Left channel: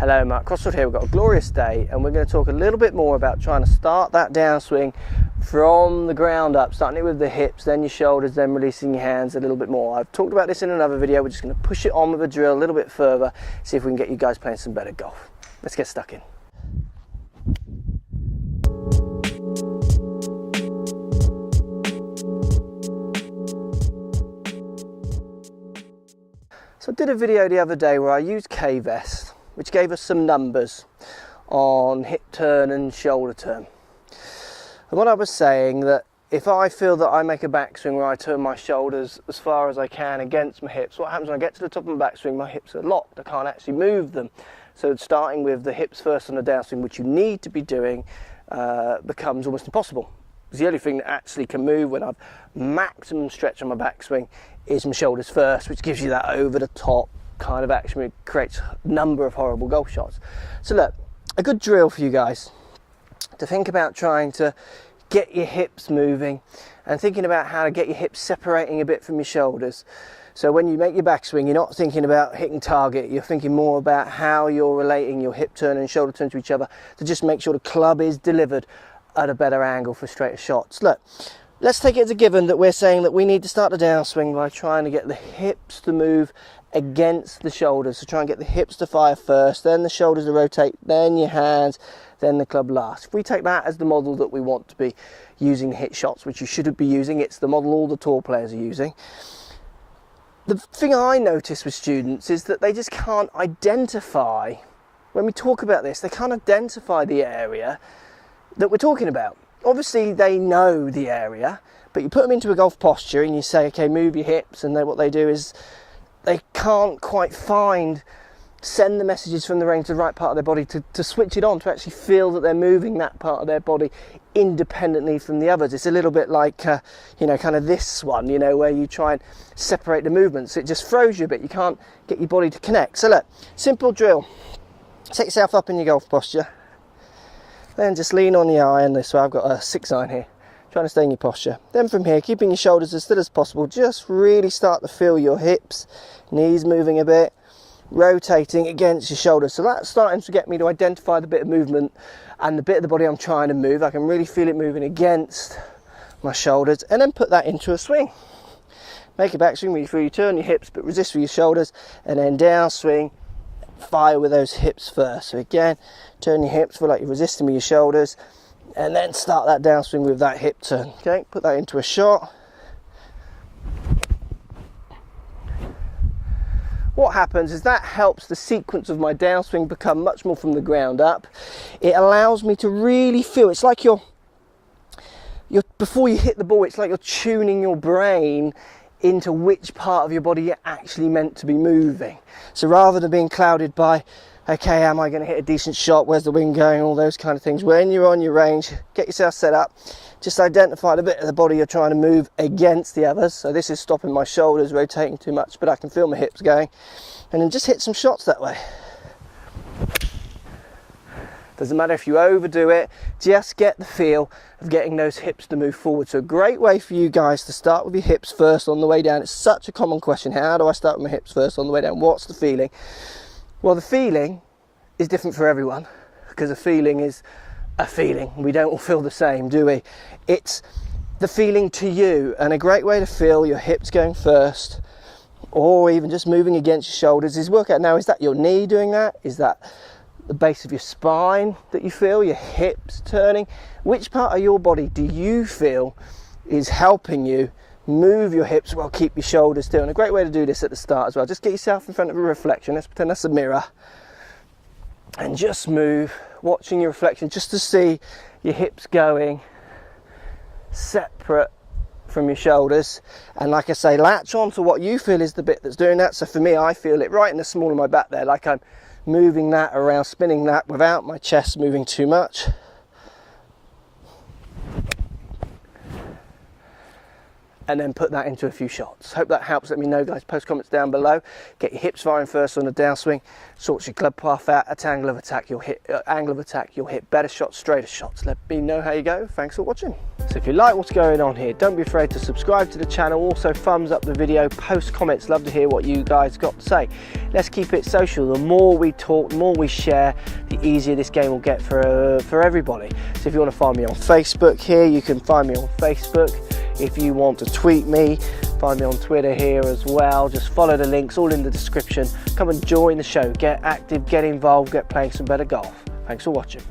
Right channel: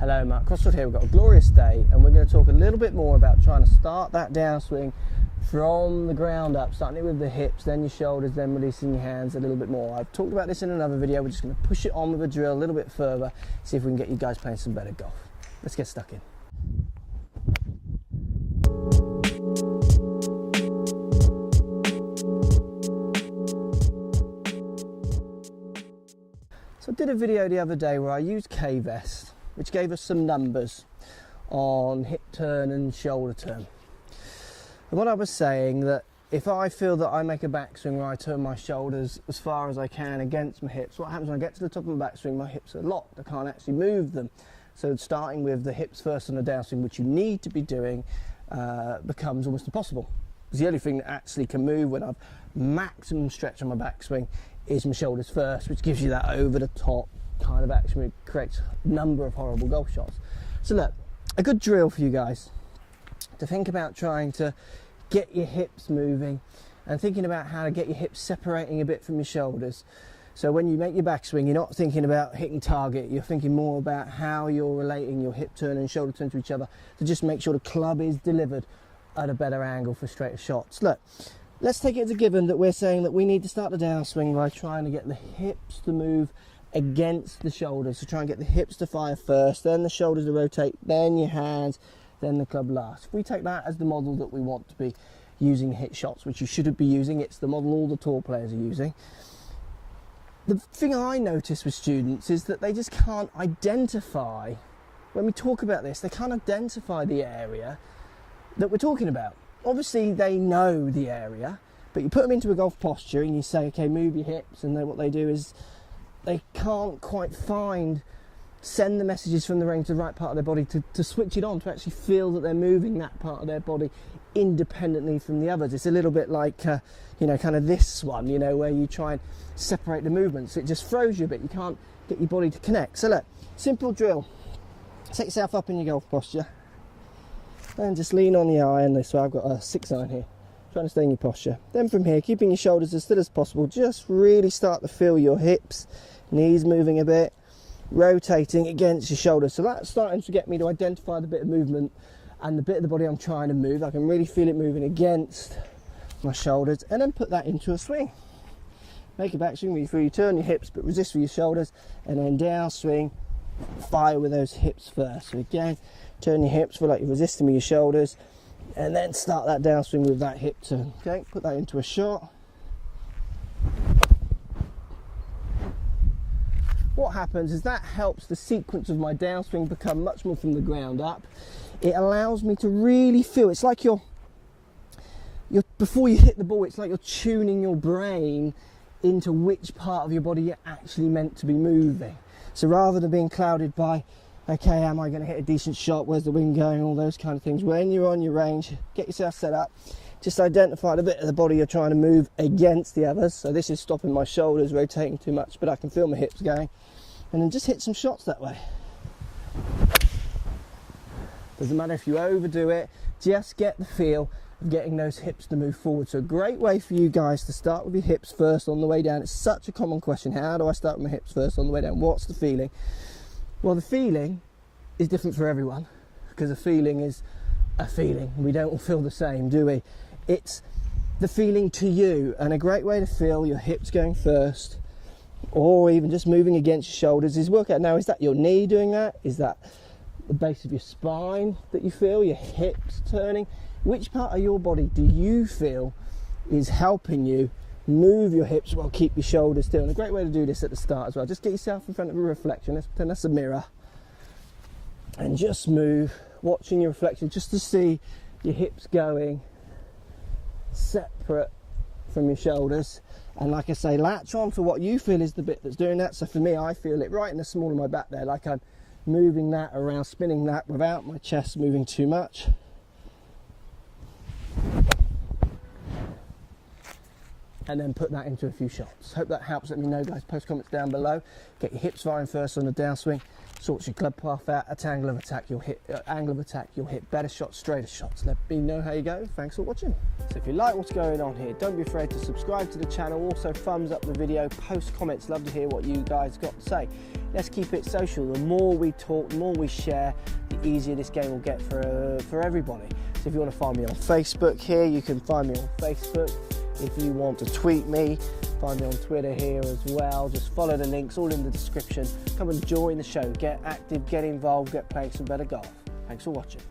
Hello, Mark Crossfield here. We've got a glorious day and we're going to talk a little bit more about trying to start that downswing from the ground up, starting it with the hips, then your shoulders, then releasing your hands a little bit more. I've talked about this in another video. We're just going to push it on with a drill a little bit further, see if we can get you guys playing some better golf. Let's get stuck in. So I did a video the other day where I used K-Vest, which gave us some numbers on hip turn and shoulder turn. And what I was saying, that if I feel that I make a backswing where I turn my shoulders as far as I can against my hips, what happens when I get to the top of my backswing, my hips are locked, I can't actually move them. So starting with the hips first on the downswing, which you need to be doing, becomes almost impossible. Because the only thing that actually can move when I've maximum stretch on my backswing is my shoulders first, which gives you that over the top kind of action. It creates a number of horrible golf shots. So look, a good drill for you guys to think about trying to get your hips moving and thinking about how to get your hips separating a bit from your shoulders. So when you make your backswing, you're not thinking about hitting target, you're thinking more about how you're relating your hip turn and shoulder turn to each other to just make sure the club is delivered at a better angle for straighter shots. Look, let's take it as a given that we're saying that we need to start the downswing by trying to get the hips to move against the shoulders. So try and get the hips to fire first, then the shoulders to rotate, then your hands, then the club last. If we take that as the model that we want to be using to hit shots, which you shouldn't be using, it's the model all the tour players are using. The thing I notice with students is that they just can't identify, when we talk about this, they can't identify the area that we're talking about. Obviously they know the area, but you put them into a golf posture and you say, okay, move your hips, and then what they do is they can't quite send the messages from the range to the right part of their body to switch it on, to actually feel that they're moving that part of their body independently from the others. It's a little bit like, you know, kind of this one, you know, where you try and separate the movements. It just throws you a bit. You can't get your body to connect. So look, simple drill. Set yourself up in your golf posture. Then just lean on the iron this way. I've got a 6-iron here. Trying to stay in your posture. Then from here, keeping your shoulders as still as possible, just really start to feel your hips, knees moving a bit, rotating against your shoulders. So that's starting to get me to identify the bit of movement and the bit of the body I'm trying to move. I can really feel it moving against my shoulders, and then put that into a swing. Make a backswing where you turn your hips but resist with your shoulders, and then downswing, fire with those hips first. So again, turn your hips, feel like you're resisting with your shoulders, and then start that downswing with that hip turn. Okay, put that into a shot. What happens is that helps the sequence of my downswing become much more from the ground up. It allows me to really feel, it's like you're before you hit the ball, it's like you're tuning your brain into which part of your body you're actually meant to be moving. So rather than being clouded by, okay, am I going to hit a decent shot, where's the wind going, all those kind of things, when you're on your range, get yourself set up, just identify the bit of the body you're trying to move against the others. So this is stopping my shoulders rotating too much, but I can feel my hips going, and then just hit some shots that way. Doesn't matter if you overdo it, just get the feel of getting those hips to move forward. So a great way for you guys to start with your hips first on the way down. It's such a common question. How do I start with my hips first on the way down? What's the feeling? Well, the feeling is different for everyone, because a feeling is a feeling. We don't all feel the same, do we? It's the feeling to you, and a great way to feel your hips going first, or even just moving against your shoulders, is work out now, is that your knee doing that? Is that the base of your spine that you feel, your hips turning? Which part of your body do you feel is helping you move your hips while keep your shoulders still? And a great way to do this at the start as well, just get yourself in front of a reflection. Let's pretend that's a mirror, and just move, watching your reflection, just to see your hips going separate from your shoulders. And like I say, latch on to what you feel is the bit that's doing that. So for me, I feel it right in the small of my back there, like I'm moving that around, spinning that without my chest moving too much. and then put that into a few shots. Hope that helps. Let me know, guys. Post comments down below. Get your hips firing first on the downswing. Sorts your club path out. At angle of attack, you'll hit better shots, straighter shots. Let me know how you go. Thanks for watching. So if you like what's going on here, don't be afraid to subscribe to the channel. Also thumbs up the video, post comments. Love to hear what you guys got to say. Let's keep it social. The more we talk, the more we share, the easier this game will get for everybody. So if you want to find me on Facebook here, you can find me on Facebook. If you want to tweet me, find me on Twitter here as well. Just follow the links, all in the description. Come and join the show. Get active, get involved, get playing some better golf. Thanks for watching.